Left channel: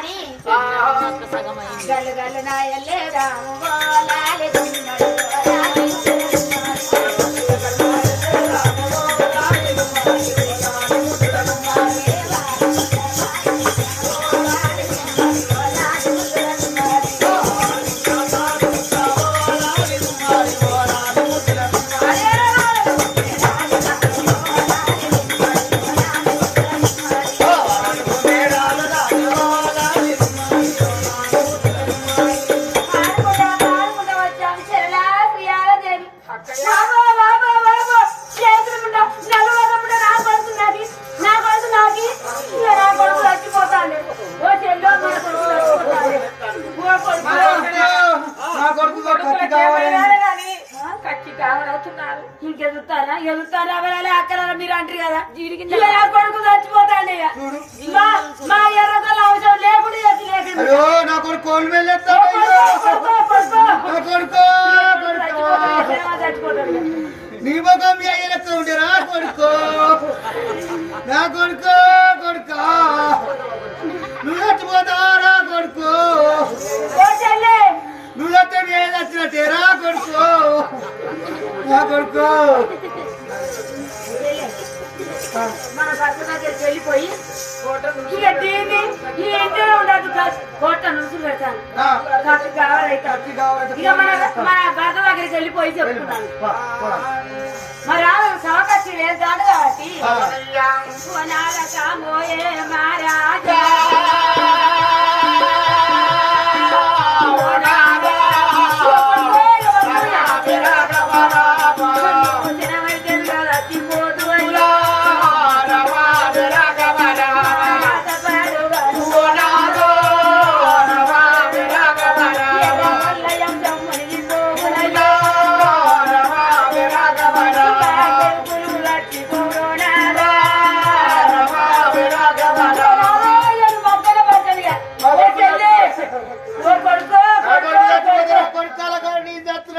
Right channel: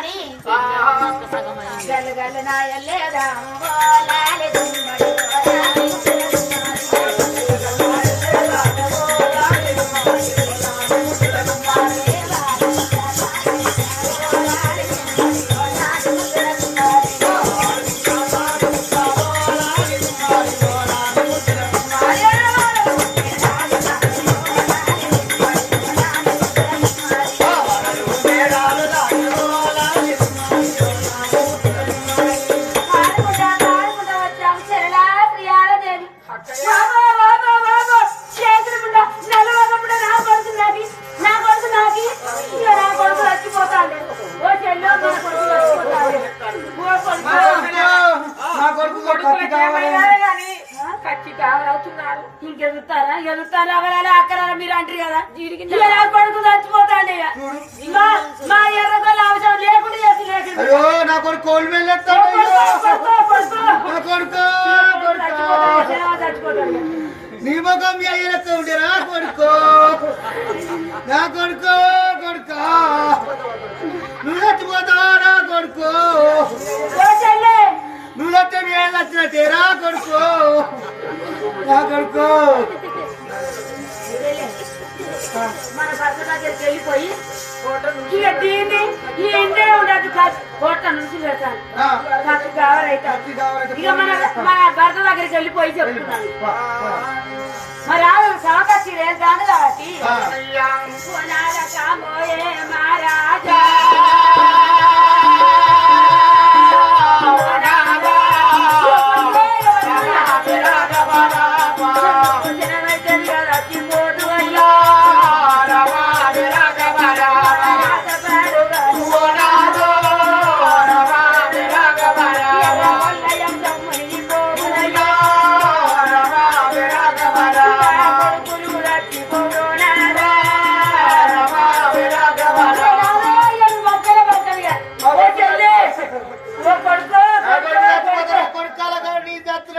అని గల్లు గల్లు నాయలేదా లాలి దుమ్మడు ఇంకెదుగుతారా ఎదుగుతారా అవరాలే అక్కరారా మీరు అంటారు కదా కొడుకు చచ్చిపోతాండి మా ఎర్రగొల్ల అవసరం లేకుండా చచ్చిపోతాడు నీ ముఖం మీ అయ్య లెక్క ఉండేరా కొడుకో నా కొడుకో కొడుకా నువ్వు చచ్చిపోతారా కొడుకో నువ్వు చస్తే నేను చచ్చినట్టేరా కొడుకో నా కొడుకో మన భర్త దగ్గరికి వెళ్ళిపోయి ఇక దీన్ని ఈ ఇంటే ఉండదు కోట నుంచి పెడతాను ఇక మన భర్త దగ్గరికి వెళ్ళిపోయి చెప్తున్నాను మరి సమకక్షి వెళ్తాను కాబట్టి మహారాజా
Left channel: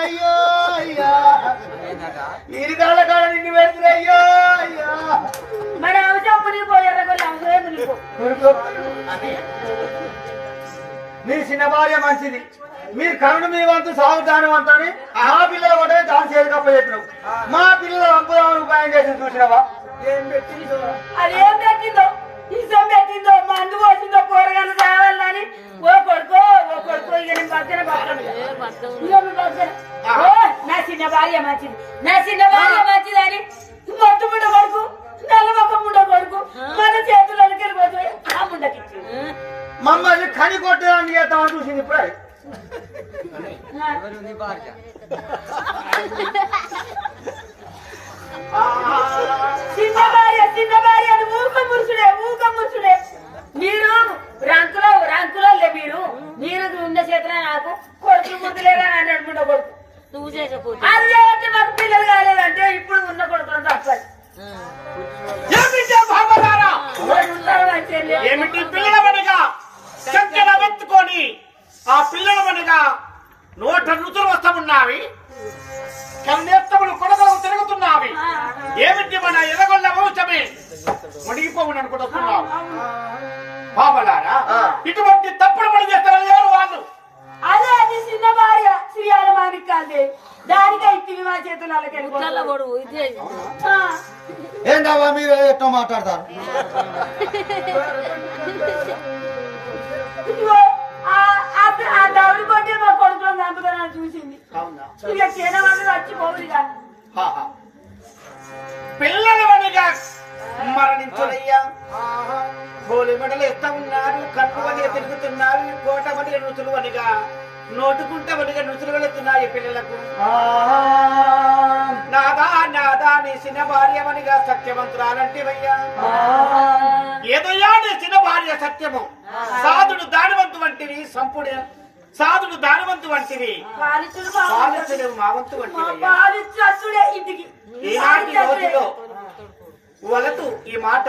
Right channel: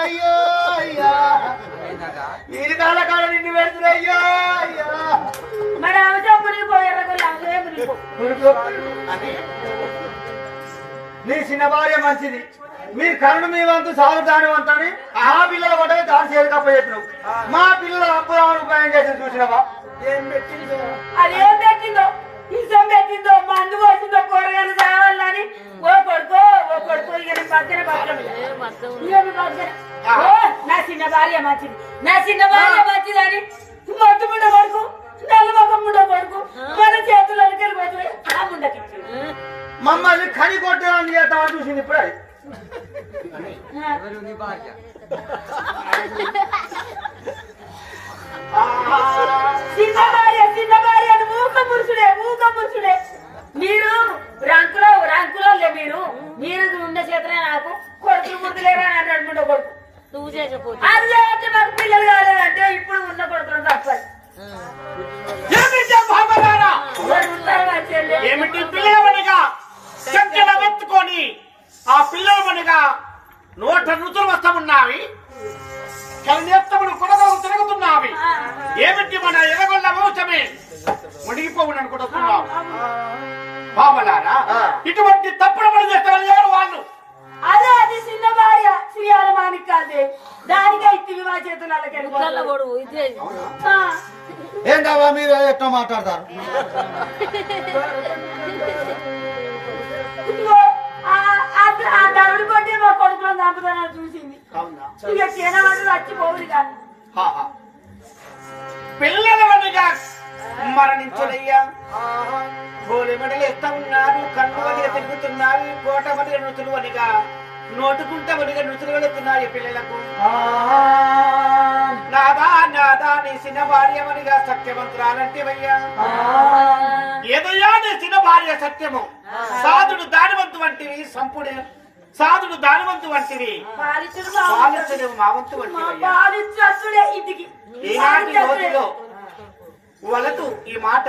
అయ్యో అయ్యా ఇది కాళ్ళ కాడ నిన్ను పెడుతున్నాయ్యో అయ్యా మరి అవసరం మునిగిపో నీ చిన్న భార్య మంచిది మీరు కరుణ మీ వంతు సాగు దాని వంతని మా పిల్లలు కూడా దాని చేయకపో చెప్పినావు మా పిల్లలు అప్పుదామని ఉపాయం చేసి చూసినావా ఏం పెట్టిందో అదేం పెట్టిందో ఇసం పెట్టిందో మందు వచ్చిందో కూరగాయలు కావాలని ఓ కొడుకో ఇక నేను బద్దన నా చిన్న భార్య మంచిది అని మట్టు ముండ కొడుకు నల్లమొక్క ముండ కొడుకు మన చేతులకి వెళ్ళిపోతాయి ఆ ముండకి మమ్మల్ని కని కొట్టడానికి చేద్దామని చూసింది ఇప్పుడే చిన్న భార్య ఊక మురుసుడే మీరు రంకులో మీరు ఉన్న చేతనే నాకు కొడుకులు ముద్దులేరా అని అన్నాడు ముండ కొడుకు నువ్వు చేసేపోతే మాకు పిల్లలు కాలేదంటే ఇప్పుడు ఉన్న కొడుకులను తప్పదు ఏమిటి పిల్లల పనిగా చక్కల వెత్తుకొని ఆ పిల్లల పనిగా 100 రుచులు వస్తామున్నావి కన్నెత్తములు కొడగలు తిరుగుతున్నావి ఏమిటి మన ఎదగొల్ల మోచమే మునిగిపోవును అనుకుంటున్నావు బాబలారా ఇటువంటి తప్పుడు పని చేస్తే వాళ్ళు అది చిన్న భార్య శ్రీయాల మాణిక్యాలదే దానిగా ఇత్తివి మా చేతులకి ఏంటవా మీరు ఎట్లా మాట్లాడతారు ఆ దౌడు కొట్టి మా కొడుకులను చంపుతానని చూసింది ఇక చేనవాళ్ళు చచ్చిపోవుగా పిల్లల పనిగా మరణించులయ్యా హోలీ మెడలు ఎత్తా ఉన్నారు కన్ను వనిగా తిరుగుతున్నారు కోట వనిగా నృతులు వనిగా నోటుకుంట వనిగా నృతులు వెళుతున్నాయి పిల్లలకు నాదా నీ చిన్న భార్య వనిగా సత్యవంతురాలంటివయ్యా ఏదయ్యా నీ చిన్న భార్య సత్యము సాధుడు దానివంతు వంటివి సంపుడు సాధుడు దానివంతు వంటివి పాలించుడు మావంతు వంటివి ఈనాటి రోజులో వలదు ఈ మాట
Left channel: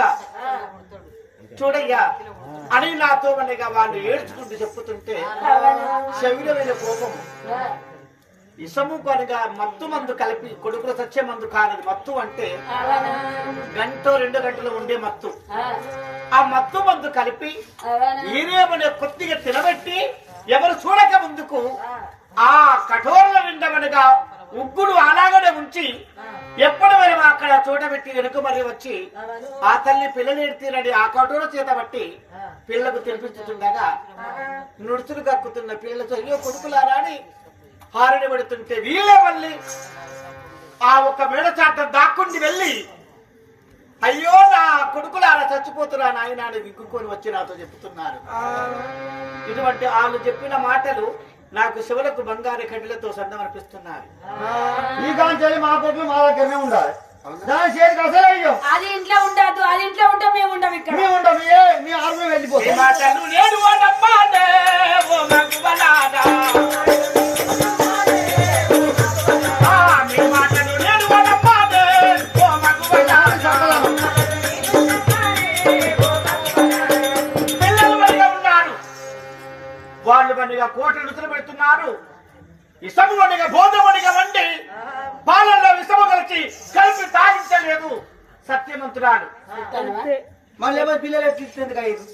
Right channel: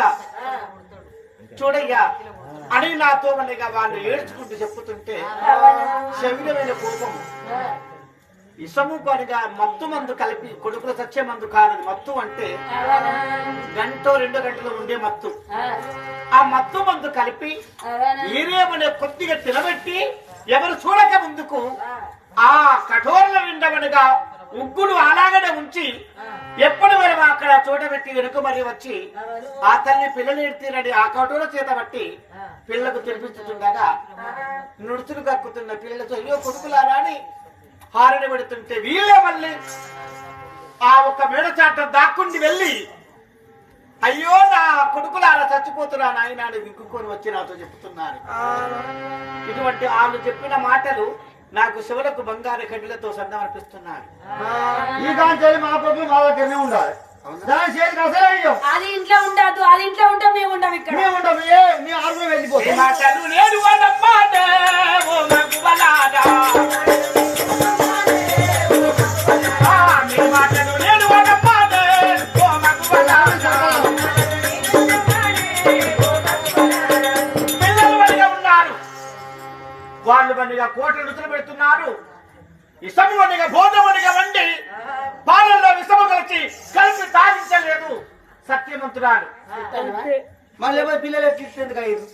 చూడయ్యా అని నాతో మనగా వాళ్ళు ఏడ్చుకుంటూ చెప్పుతుంటే శరీరమైన కోపం ఇసము పనిగా మత్తు మందు కలిపి కొడుకుల సత్య మందు కానిది మత్తు అంటే 1 2 గంటలు ఉండే మత్తు ఆ మత్తు మందు కలిపి ఈరేమనే కొద్దిగా తినబెట్టి ఎవరు చూడక ముందుకు ఆ కఠోరల నిండమనగా ఉగ్గులు అలాగనే ఉంచి ఎప్పుడు మనం అక్కడ చూడబెట్టి వెనుక మరి వచ్చి ఆ తల్లి పిల్లలు ఎడితేనని ఆ కఠోర చేత బట్టి పిల్లకు తినిపిస్తుండగా నుడుచులు కక్కుతున్న పిల్లలతో అయ్యో కొడుకులారా అని హారని పెడుతుంటే వీళ్ళే మళ్ళీ ఆ ఒక్క మేడ చాట దాక్కుండి వెళ్ళి అయ్యో నా కొడుకులారా చచ్చిపోతున్నా నాయన అని విగ్గుకొని వచ్చి నాతో చెప్తున్నారు. ఇటువంటి వాళ్ళు చెప్పిన మాటలు నాకు శివులకు బంగారు కడ్డలతో సందమర్పిస్తున్నారు. ఈ కాంచెల్లి మా కొడుకు మా దగ్గరనే ఉండాలి. దాని చేతికి అసలే అయ్యో అది ఇంట్లో ఉండదు. అది ఇంట్లో ఉంటే మేము ఉండం. ఇక్కడ మేము ఉంటాం. మీ ఆరులో వెళ్ళిపోతాం. మాటలు లేడు అన్నమ్మాదే ఓ మగువలారా. మాటలు లేడు అన్నమ్మాదే ఓ మగువలారా. పిల్లలు మనిగా ఉన్నారు. వాళ్ళు మనిగా కోటలు రుచులు పెడుతున్నారు. ఇసము వనిగా భోజమనిగా వండి పాలల్లో విషము కలిసి తాగించలేదు సత్యవంతురాలు. మళ్ళీ పిల్లలు ఎట్లింది కాదు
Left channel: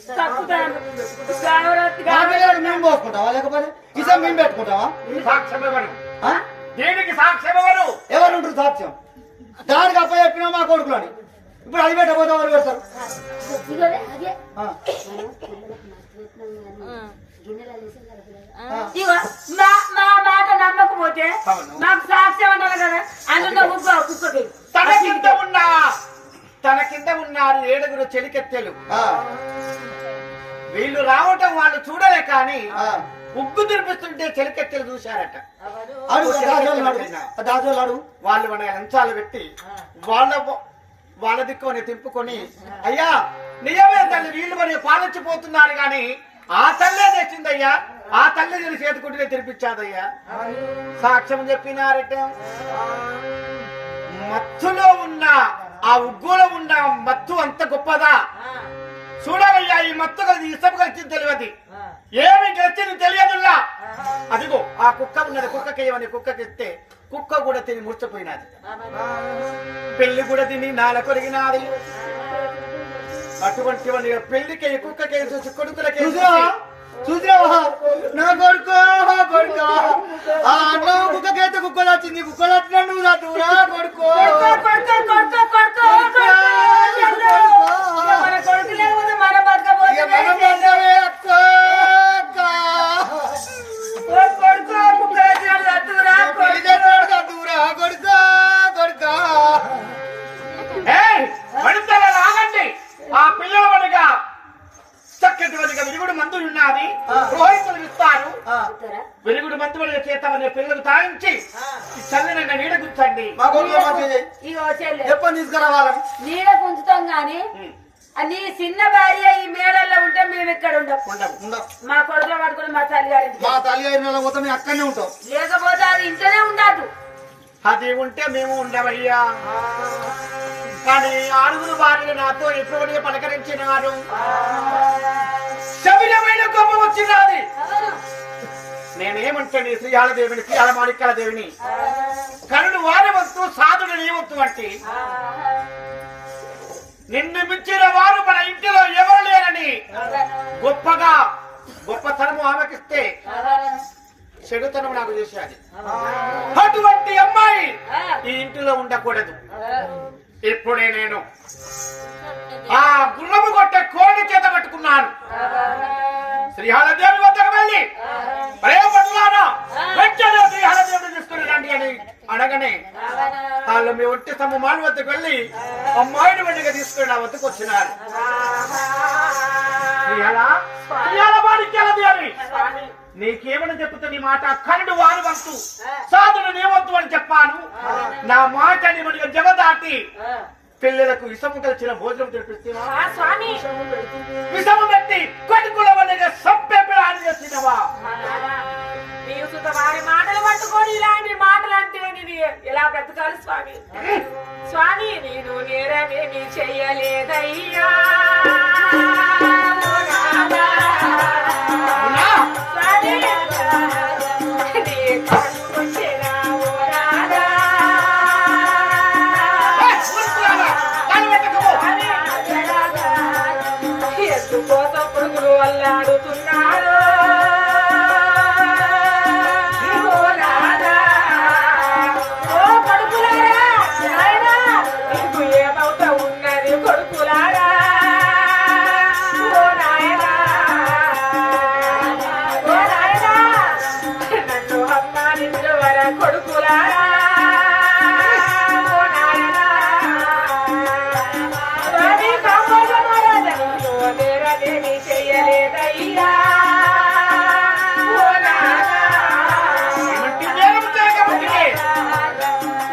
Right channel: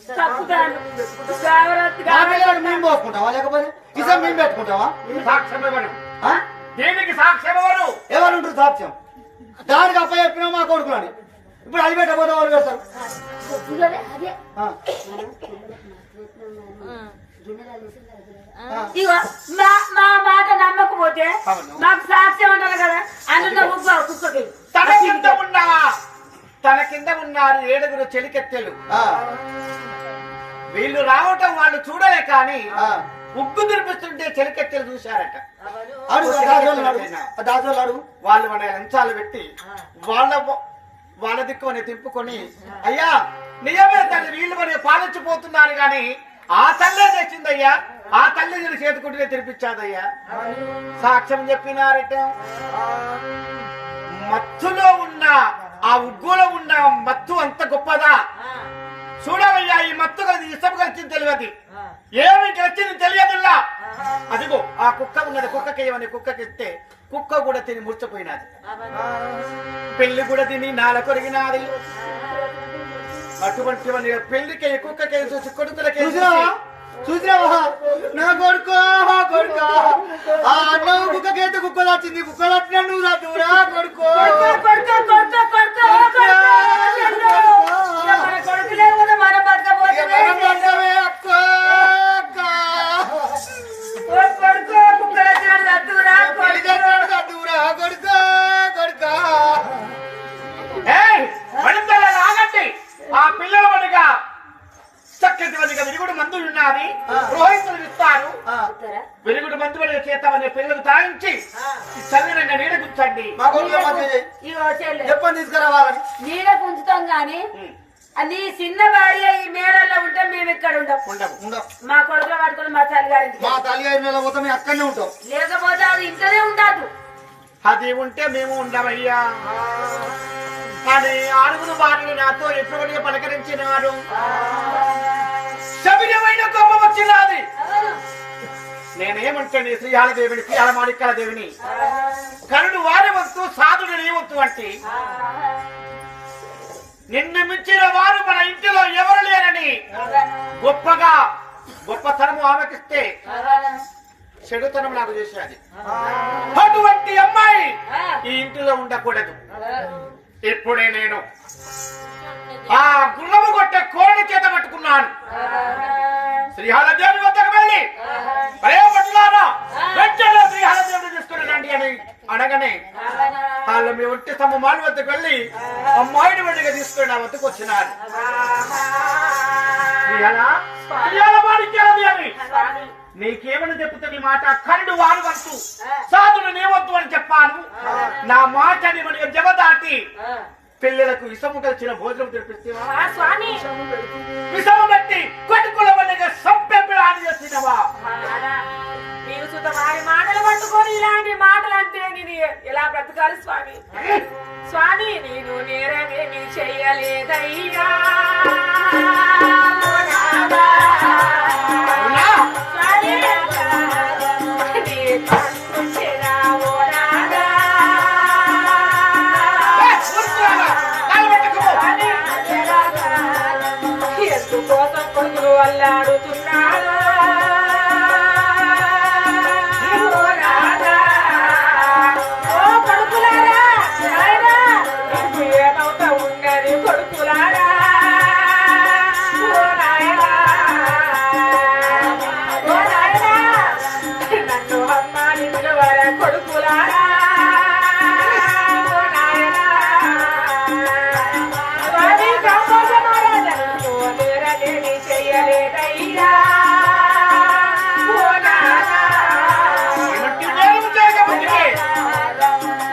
జాగ్రత్తగా మేము పోసుకుంటావా లేకపోతే ఇసం మేము పెట్టుకుంటావా? సాక్ష్యం ఎవరు? దీనికి సాక్ష్యం ఎవరు? ఎవరు ఉంటారు సాక్ష్యం? దానికి అప్ప చెప్పినా మా కొడుకులని ఇప్పుడు అది పెట్టకపోతే వాళ్ళు పెడతారు. ఇగో మా మాట నమ్మకపోతే నాకు సాక్ష్యం అంటారు కదా. అందులో కుక్కకి తన కింద ఉన్నారు 7 చెలికెత్తెలు. వీళ్ళు రావటం వాళ్ళు చూడలే కానీ ఉగ్గు తినిపిస్తుంటే చెలికెత్తెలు చూశారట. వాళ్ళు మన లంచాలు పెట్టి వాళ్ళ దిక్కుని తిప్పుకొని అయ్యా నిజమే తల్లి వీళ్ళు మరి పాలించిపోతున్నారు గాని ఆ తల్లే తెచ్చిందయ్యా, ఆ తల్లి నేను చేతుకుంటే తినిపించాదయ్యా సాక్ష్యం చెప్పినారట. మత్తులో ఉన్న ఆ ఉగ్గులో ఉన్న మత్తు అంత గొప్పదా చూడవయ్యా. ఈ మత్తు కలిసి ఇష్టం కలిసింది తెలియదు, ఏమి కలిసింది తెలియదుల్లా. అదిగో ఆ కుక్క ఉన్నది, కుక్కకి ఏమని కుక్కకి ఇస్తే కుక్క కూడా తిని మూర్చపోయినది. పెళ్లి కూడా తిని నాల కొరిగినది. అటువంటి పెళ్లికి కుక్కకి చూసి కొడుకులకి చూసావా నా కొడుకు ఆ అన్న కుక్కకైతే కుక్కలు వచ్చింది. కుక్కలు వచ్చినా నువ్వు దూరా కొడుకు కొడుకు లేకపోతే మనం బతకపోతే ఆ పిల్లల వనిగా చక్కటి వనిగా విరుగుడు మందు ఉన్నది. పురోహితులు ఇస్తారు. విరుగుడు మందు వనిగా చేస్తామని పిల్లలు తాగించి చల్లని నీడ గుంచండి. ఎప్పుడు తీసుకురావాలని నీడ గుంచుతాం గాని నీ చిన్న భార్య ఈ మేడల్లో ఉంటే మేము ఇక్కడ ఉండము. మా కొడుకులో పట్టుకుని మా తల్లి గారి మా తల్లి గారి పోతే మేము అక్కడనే ఉంటాం. లేకపోతే అది ఇంట్లోనే ఉండదు. అది ఉంటే మేము ఉండవయ్యా. కానీ 6 భార్యలు నాతో ఎప్పుడైనా పలకరించినారు. శబిరమైన గొప్ప వచ్చినది. నేనేమంటే నీ శ్రీహాలదేవిని శ్రీహాల దేవిని కరుడు వారి వంతు సాధుడు నీ వంతు అంటే నిన్ను మించిన వారు మన ఇంటిలో ఎవరు లేరని గొప్పగా గొప్పతనము ఆమెకిస్తే చెడుతనం నాకు చేసేది. అటువంటి అమ్మాయి ఈ ఇంటిలో ఉండకూడదు. ఇప్పుడే నేను ఆ గుర్రము కొట్టే కోడి చేత పట్టుకున్నాను. శ్రీహాలదేవి వద్దకు వెళ్ళి ప్రేమపట్లానా వెంటనే శ్రీహాలదేవిని తీసుకుని రండి అని అనగానే వాళ్ళు మీ ఒంటి స్తంభమాల వద్దకు వెళ్ళి అమ్మాయిని వెంటనే తీసుకుని నా వద్దకు వచ్చినారు. నీకేమని చెప్తుంది మాట కరుడు వారి వంతు సాధుడు నీ వద్దు అని చెప్పాను. నా మాటని మనకి జవదాటి పిల్లలకు విషము కలిసిన భోజనం తెప్పిస్తేవా? విషము పెట్టి కొడుకుల వల్ల సబ్బె పిల్లాడి చేసినవా? వారి మాటలు పట్టుకొని ఇలాంటి మాటలు అంటే నేను ఎలా బ్రతకాలి స్వామి? స్వామి నేను నేరమేమి చెయ్యలేదయ్యా. నాదయ్యా ఓ నాదా.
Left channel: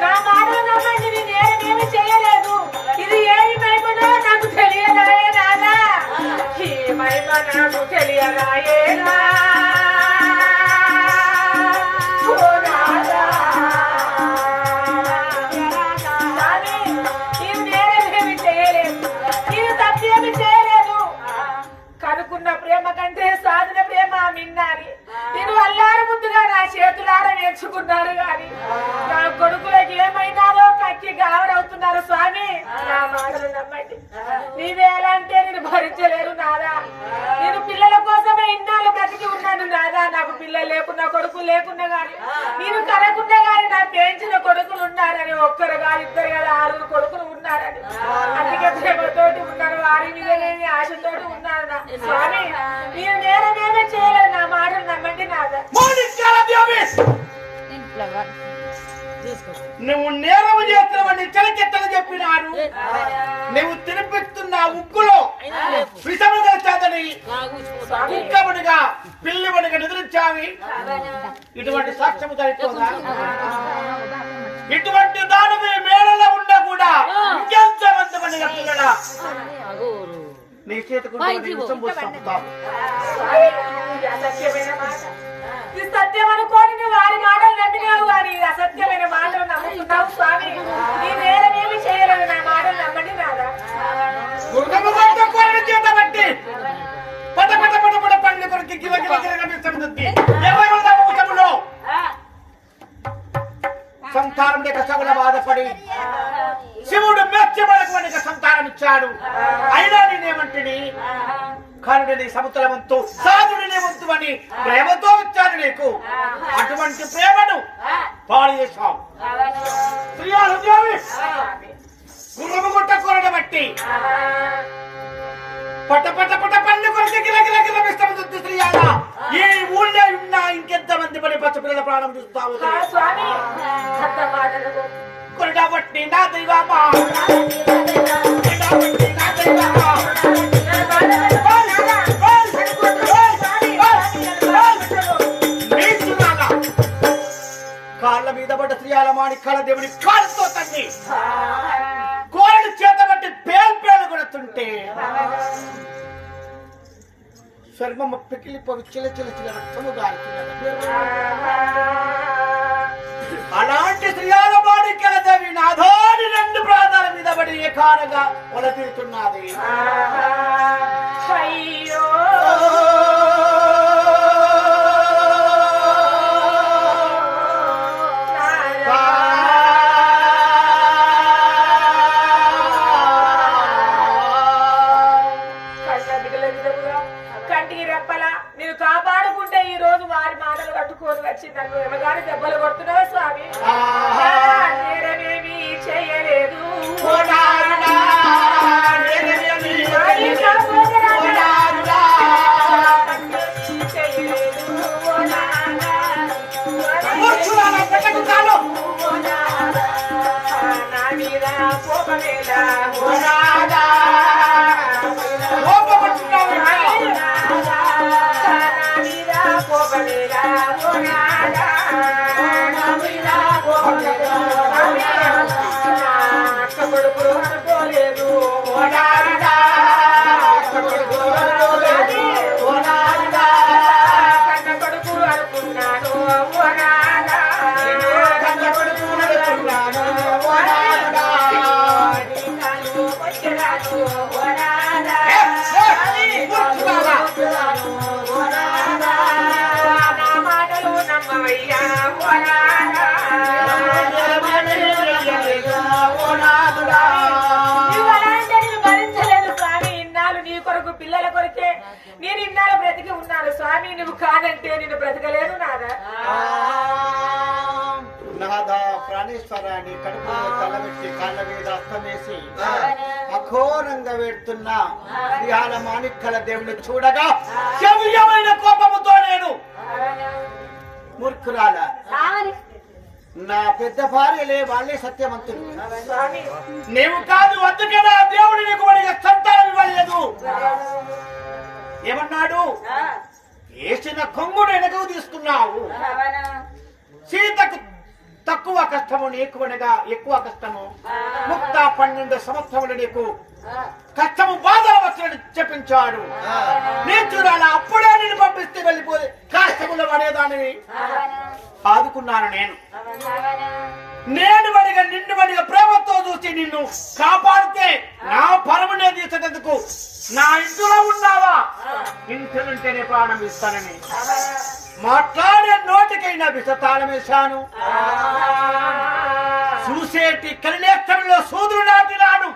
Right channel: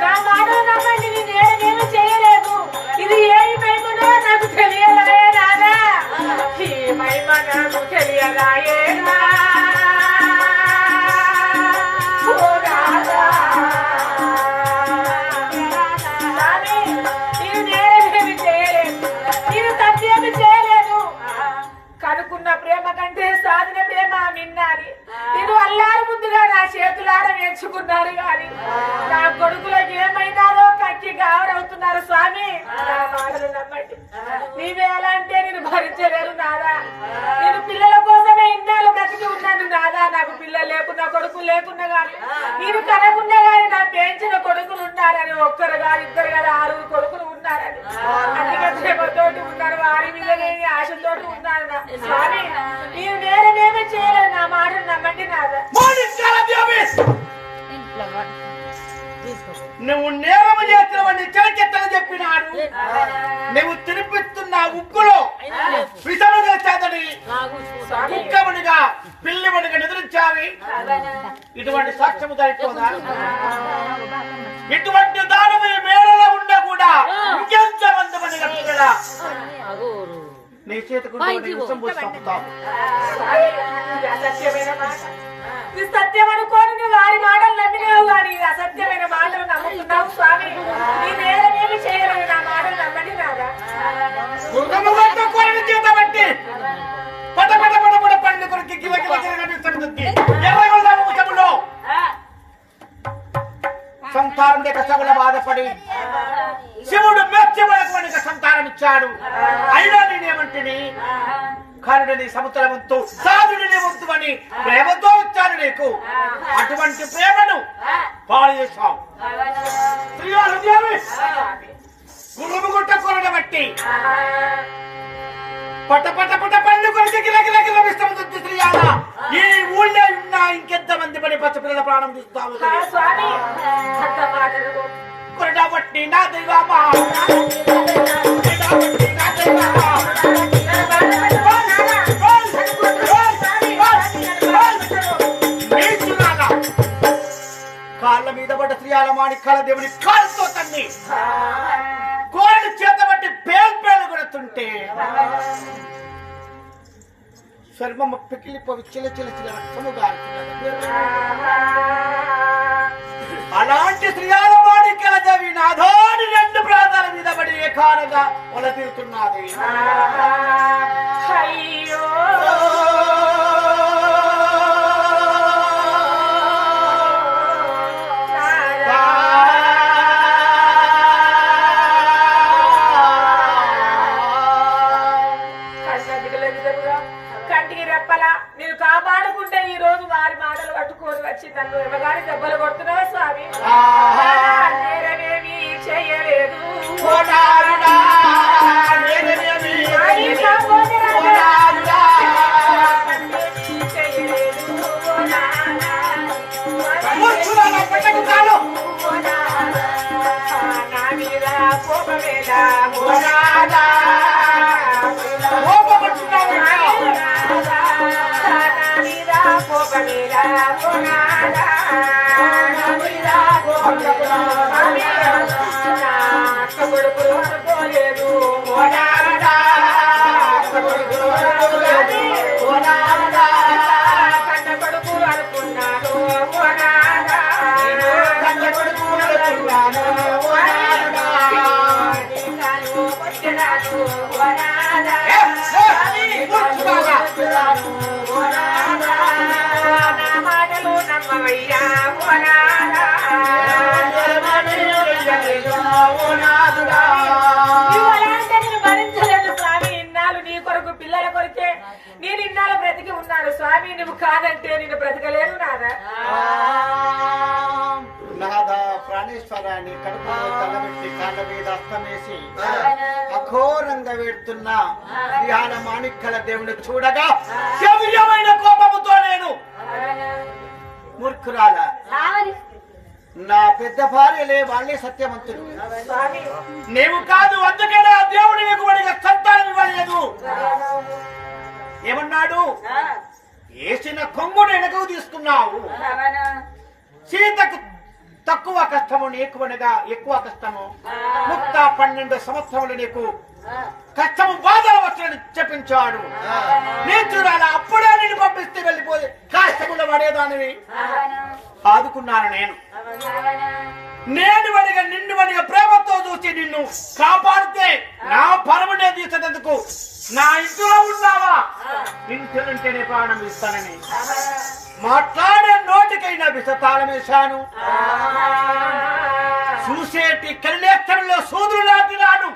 నా మాటలు నమ్మండి, నేను నేరమేమి చేయలేదు. ఇది ఏమి మహిమనో నాకు తెలియదాయే నాదా, ఈ మహిమ నాకు తెలియదాయేనా ఓ నాదా. స్వామి, నేను నేరమేమి చేయలేదు, నేను తప్పేమి చేయలేదు. కనుక్కున్న ప్రేమ కంటే సాధిన ప్రేమ నిన్నాని నేను అల్లారు ముందుగా నా చేతులార నేర్చుకున్నాను గాని నా కొడుకులకు ఏమైనారో కక్కి గావరవుతున్నారు. స్వామి, నా మాటలు నమ్మండి, నీవేలంటే నేను భరించలేను నాదా. నేను పిల్లల కోసమే ఇన్నాళ్ళు బ్రతికి ఉన్నాను నాదా. నాకు పిల్లలు లేకున్నా కొడుకులు లేకున్నా గాని, నేను కనకున్నా గాని నాకు పెంచిన కొడుకులు ఉన్నారని, ఒక్కరు కాదు ఇద్దరు కాదు 6 కొడుకులు ఉన్నారని అందుకే ప్రేమతోటి ఉన్నారు, వారి మీద లేని ఆశతోటి ఉన్నాను నా స్వామి. నేను నేరమేమే చేయలేదు, నా మాటలు నమ్మండి నాదా. నువ్వు నేరము చేసినవని చెలకెత్తలు చెప్పినాడు. నువ్వు తినిపిస్తున్న ఉగ్గులో విషము చేసేదని కుక్కమునిగా పిల్లిమునిగా నిద్రించావి. ఇటువంటి సాక్ష్యము సరిపోదా? ఇటువంటి దానము ఈ మేడలో ఉన్నా కూడా ఇంకెంతమంది మనిగా పిల్లల నీ చేతుకుంటే విషం పోసి చంపుతావు. అసత్యమైన మాట, ఇది సత్యం అనుకోని నువ్వు వారి మాటలు నమ్మినావు కానీ అసత్యమైన మాటలు నమ్ముతున్నావు. స్వామి, నీ నేరమేమి చేయలేదు, నా మాటలు నమ్మండి నాదా. బట్టి పట పట పట పట పండ్లు కొరికి గిల గిల గిల ఎర్రగొండములో సంతానం లేక సగుల బాధపడి శివుడు మెచ్చబడకు సంతానం ఇచ్చాడు. అయినా నేనేమంటిని కరుడిని సముద్రవంతు సాధుడిని వంతు అని ప్రేమతో ఇచ్చాను నీకు. అటువంటి ప్రేమను పాడు చేశావు. గుర్రము గుట్ట కొరడ బట్టి పట పట పట పండ్లు కొరికి గిల గిల గిల విస్తముద్దు శ్రీయాల ఈ ఊళ్ళో ఉన్నా ఇంకెంతమంది పడి పచ్చ పిల్లల ప్రాణం తీస్తావు. కొరడా బట్టి నా దైవమా, నా దైవమా కాళ్ళ మీద పడ్డ శ్రీయాల మాణిక్యాల దేవుని కాళ్ళతో తన్ని కోరడు చేత బట్టి పేలు కొడుతుంటే చర్మమ్మ పికిలిపోయి చిల చిల చిల రక్తము గారుతున్నది. అలాంటి శ్రీయాల మాణిక్యాల దేవి నాథోని 2 ప్రాంతాల మీద పడి ఏకానగా ఒల తీరుతున్నది. అయ్యో కంటికి రెప్పలా నేను కాపాడుకుంటే ఈ రోజు వారి మాటలు కట్టుకొని వచ్చి నన్ను ఎమగాని దెబ్బలు కొడుతున్నావు. స్వామి, నేరమేమీ చేయలేదు, కొడుకులు అనుకోలేదు కన్న కొడుకులు అనుకున్నాను మాటలు నమ్మవయ్యా నేను భరించలేను స్వామి. ఇన్నాళ్ళు నీ కొరకు పిల్లల కొరికే నేను ఇన్నాళ్ళు బ్రతికి ఉన్నాను స్వామి. నువ్వు కాదంటే నేను బ్రతకలేను నాదా. నాదా ప్రాణేశ్వరాన్ని కడుపులో తలబెట్టి కాళ్ళ మీద అస్తమేసి అఘోరంగా వేడుతున్న శ్రీయాల మాణిక్యాల దేవుని చూడగా శౌర్యమైన కోపముతో నేను మూర్ఖురాల నా పెద్ద భార్యలే వాళ్ళే సత్యవంతులు. నీవు కాదు, అందుకే నా దేవుడి నీకు వాడిగా సంతానం ఇవ్వలేదు. ఏమన్నాడు? ఆ, వేసిన కొంగును వెనకకు తీసుకున్నావు. అవునా? సీతకు తక్కువ కష్టము, నీకునగా ఎక్కువ కష్టము. ముక్త 12 సంవత్సరములు నీకు ఆ, కష్టము బాధలు వచ్చాడు చెప్పించాడు. నీ చూడాలి, అప్పుడే నేను పంపిస్తే వెళ్ళిపోయి కష్టములు పడేదానివి. అవునా? ఆదుకున్నాను నేను. అవునా? నేను వడిగా నిన్ను వడిగా ప్రేమతో చూసి నిన్ను కాపాడితే నా పరమునే తీసేందుకు నా ఇంట్లో ఉన్నావా? ఇంటినుంటేనే ప్రాణం ఇస్తానని మాట్లాడే నోటికైనా విషతాళం వేశాను. చూసేటి కలినేత్రంలో సూదులు నాటినాడు.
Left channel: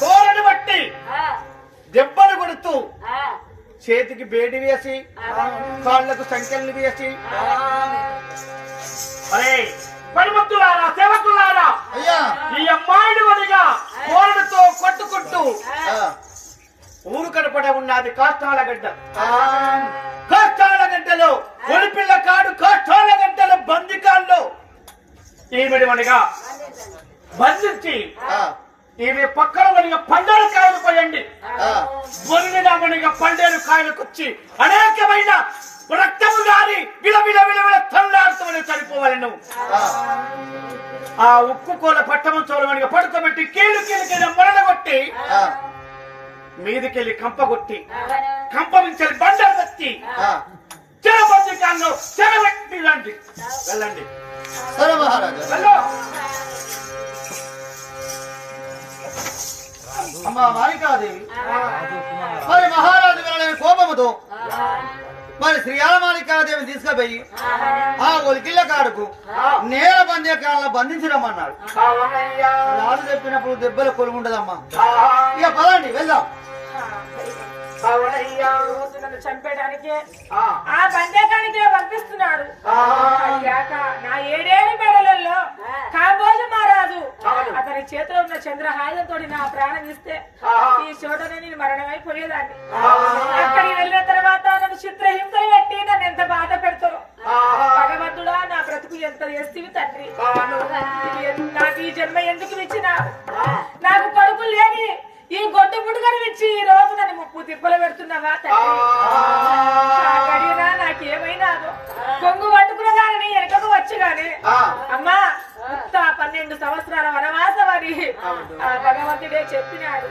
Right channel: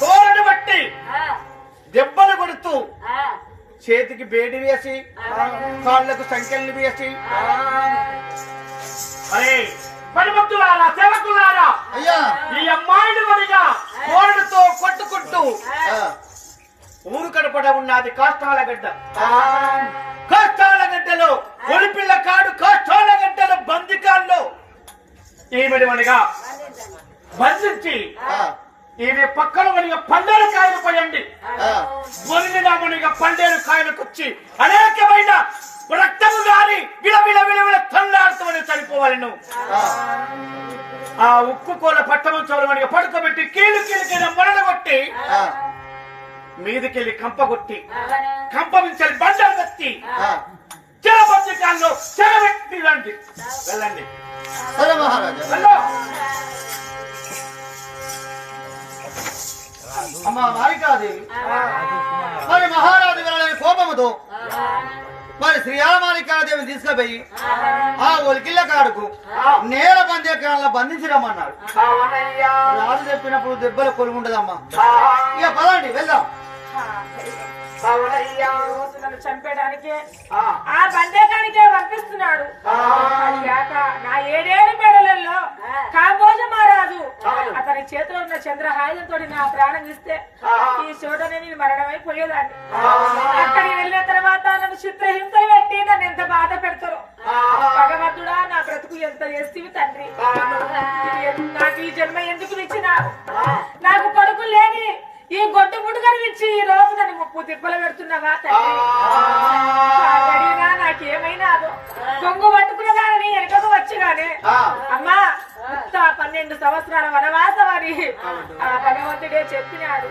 కోరని బట్టి దెబ్బలు కొడుతూ చేతికి బేడి వేసి కాళ్లకు సంఖ్యలు వేసి, అరే పనిముత్తులారా, సేవకులారా, అయ్యా ఈ అమ్మాయిని వదిగా కోరడుతో కొట్టుకుంటూ ఊరు కడపడ ఉన్నది కాస్తాలగడ్డ. కాస్తాలగడ్డలో ఒలిపిల్ల కాడు, కాస్తాలగడ్డలో బందికాల్లో ఈమెడి వనిగా బంధించి ఈమె పక్కన వనిగా పండేరు కాయలు పోయండి. బొరినిగా వనిగా పండేరు కాయలు కుచ్చి అనేకమైన రక్తము గారి విలవిల విలవిల తల్లాడుతూ చనిపోవాలి. నువ్వు ఆ ఉక్కు కోల పట్టము చోరమనిగా పడుకోబెట్టి కీలు కీలుకెళ్ళి మరణ కొట్టి మీదికెళ్ళి కంపగొట్టి కంపమించాలి బండలు తత్తి చెరబందికాల్లో చెరబెట్టి రండి. వెళ్ళండి. సరే మహారాజా. వెళ్ళు. అమ్మా మాలికాదేవి, మరి మహారాజు వెళ్ళని కోపముతో మరి శ్రీయాలమాలికాదేవిని తీసుకుపోయి ఆ ఒలికిళ్ళ కాడుకు నేల బందేకాలను బంధించి రమ్మన్నాడు. అవునయ్యా. రాజు చెప్పినప్పుడు దెబ్బలు కొలుగుండదమ్మా. ఇక పదండి వెళ్దాం. అవునయ్యా. రోజు నన్ను చంపేయడానికే ఆ. ఆ బందేకానికే పంపిస్తున్నాడు. అదిగాక నా 7 ఏళ్ల మేడలలో కాంబోజ మహారాజు అతని చేతిలో ఉన్న చంద్రహాయుధంతో నా ప్రాణం ఇస్తే ఈ చోటనే నేను మరణమైపోయేదాన్ని. అక్కడికి వెళ్ళిన తర్వాత నన్ను చిత్రహింసలు పెట్టి నన్ను ఎంత బాధ పెడతారు. భగవంతుడా, నా బ్రతుకు ఎంత చేస్తేవి తండ్రి. నాకు ఈ జన్మ ఎందుకు ఇచ్చినావు? నాకు కొడుకు లేని ఈ గొడ్డు పుడుకని ఇచ్చి ఈ రోజు నన్ను ముప్పు తిప్పలు పెడుతున్నావా తండ్రి? అడిగినా నాకేమైనా కొంగు పట్టుకున్నదానని వెనకకు వచ్చిగానే అమ్మా 12 సంవత్సరాల వనవాసం అని ఆ భగవంతుడే చెప్పినాడు.